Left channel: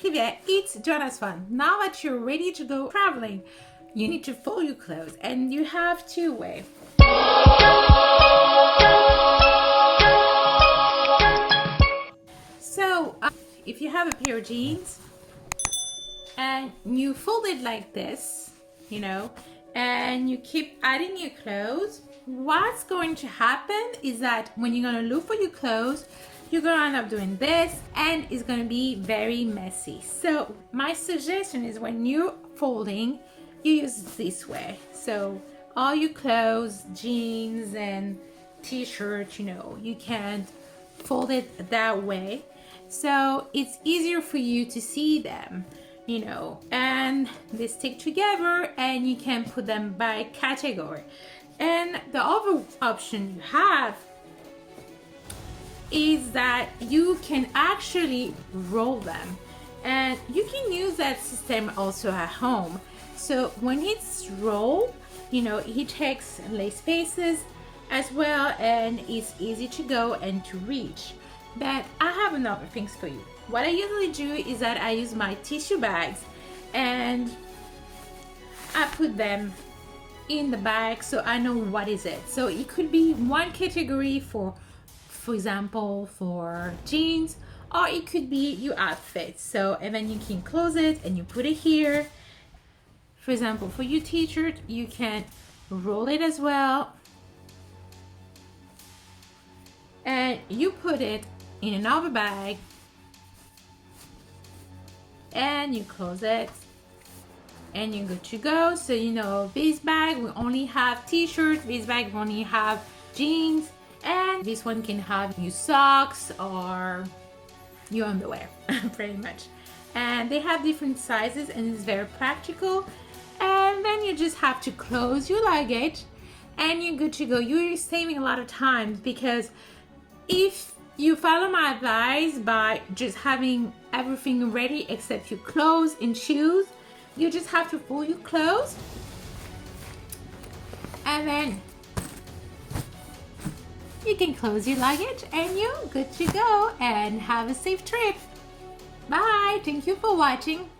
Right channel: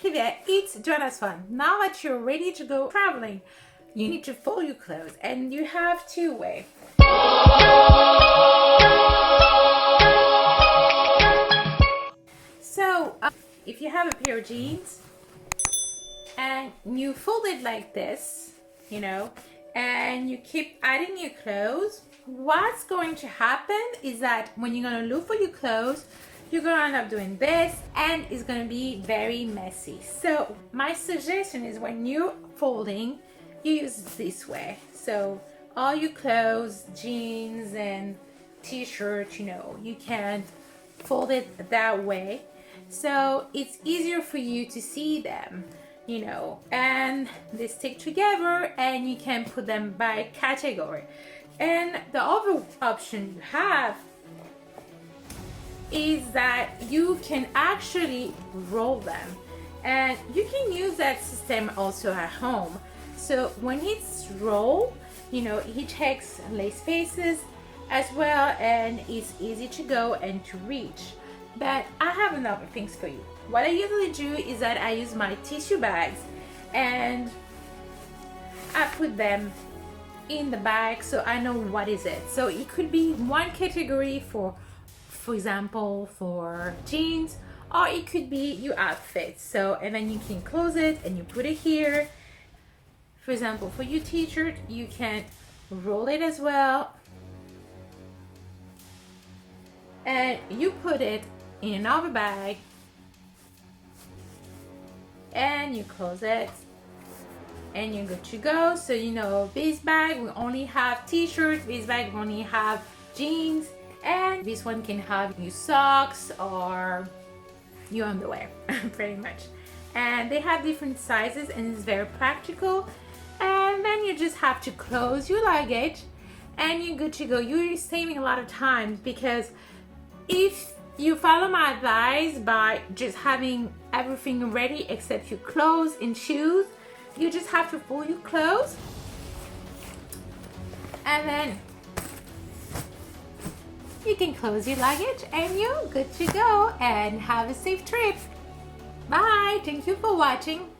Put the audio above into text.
Trivia, it's Joana Swan. Now that you're ready to go traveling, you need to fold your clothes, and you have two ways. So, if you have a pair of jeans and you fold it like this, you know, and you keep adding your clothes, what's going to happen is that when you're going to look for your clothes, you're going to end up doing this, and it's going to be very messy. So my suggestion is when you're folding, you use it this way. So all your clothes, jeans and t-shirts, you know, you can fold it that way. So it's easier for you to see them, you know, and they stick together, and you can put them by category. And the other option you have is that you can actually roll them, and you can use that system also at home. So when it's rolled, you know, it takes less spaces as well, and it's easy to go and to reach. But I have another things for you. What I usually do is that I use my tissue bags and I put them in the bag so I know what is it. So it could be one category for example, for jeans, or it could be your outfit. So, and then you can close it and you put it here. For example, for your t-shirt, you can roll it as well. And you put it in another bag. And you close it. And you're good to go. So, you know, this bag will only have t-shirts. This bag will only have jeans. And this one can have your socks or your underwear, pretty much. And they have different sizes, and it's very practical. And then you just have to close your luggage, and you're good to go. You're saving a lot of time, because if you follow my advice by just having everything ready except your clothes and shoes, you just have to fold your clothes, and then you can close your luggage, and you're good to go, and have a safe trip. Bye. Thank you for watching.